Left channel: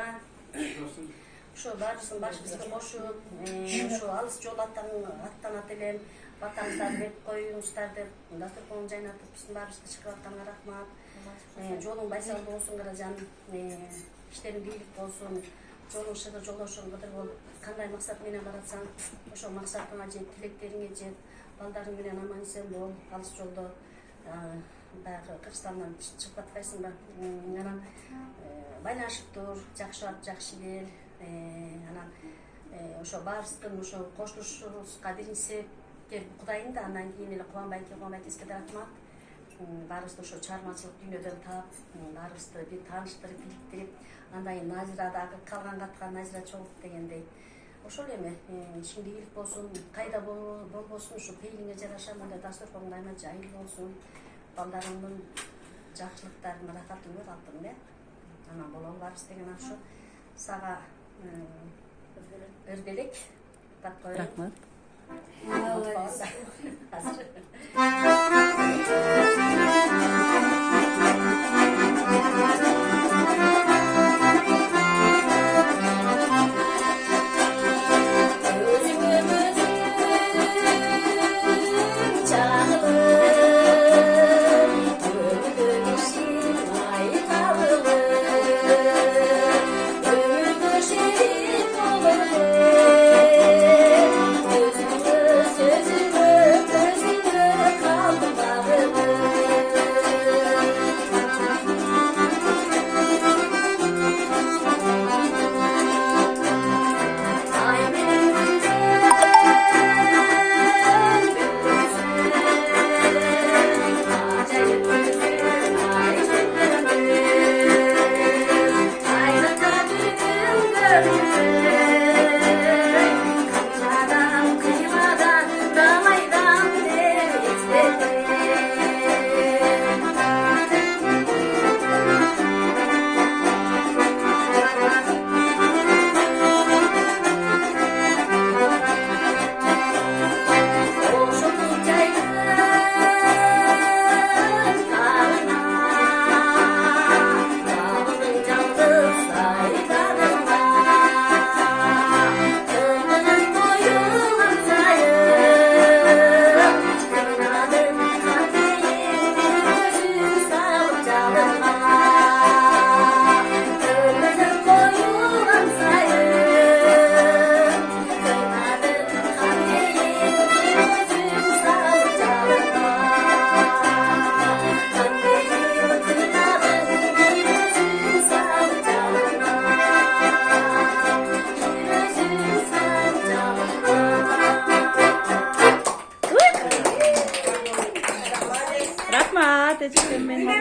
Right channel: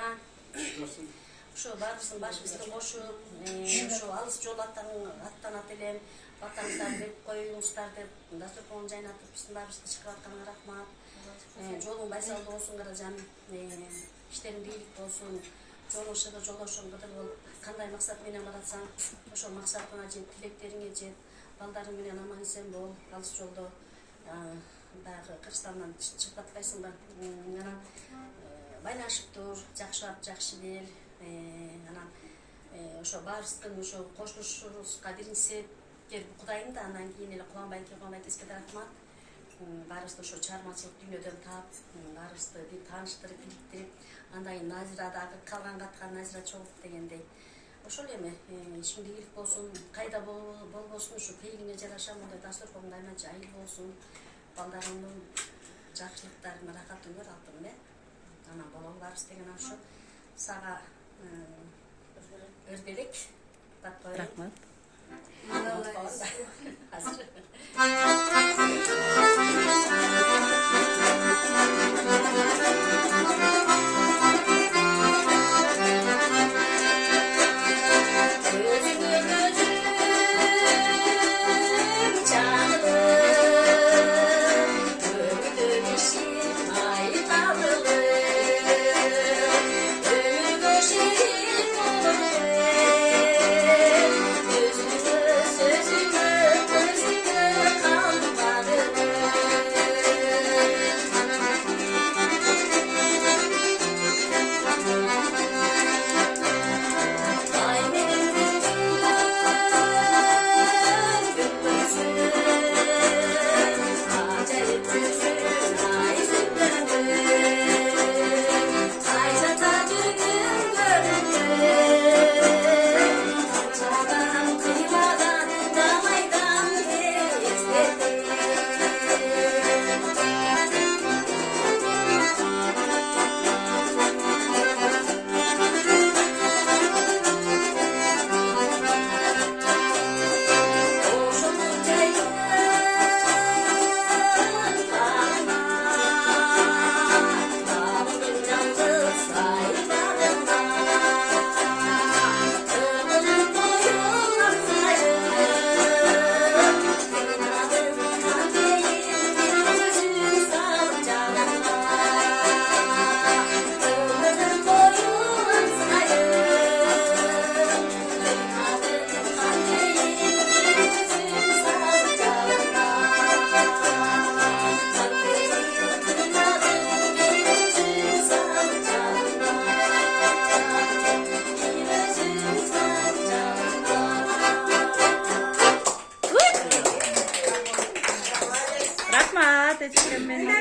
Ağa. Şu barısın başımızda koşup, şu alыс jol attanat elen, vatanızlar verip koyuңuzдар деп, dasturkon жайнатып, биздин барыбызды чыгып атканга рахмат. Жолуң байсал болсун каражан, иштериң бийлик болсун, жолуң шыгыр, жолдошуң кыдыр болуп, кандай максат менен баратсаң, ошол максатыңа жет, тилектериңе жет, балдарың менен аман эсен бол, алыс жолдо баягы Кыргызстандан чыгып атпайсыңбы? Анан байланышып тур, жакшы ап, жакшы бер. Анан ошо баарыбыздын ошо кошулушубузга биринчиси Кудайым да, андан кийин эле Кубанбай эске рахмат. Баарыбызды ошо чыгармачылык дүйнөдөн таап, баарыбызды бир тааныштырып, бириктирип, андан кийин Назира дагы калган каткан Назира чогулуп дегендей. Ошол эми ишиңде ийгилик болсун, кайда болбосун, ушу пейилиңе жараша мондай дасторкоң дайыма жайыл болсун, балдарыңдын жакшылыктарын, рахатын көр алтын бе. Анан болобу баарыбыз деген ошо. Сага өрбелек. Рахмат. Rahmat, teşekkür ederim.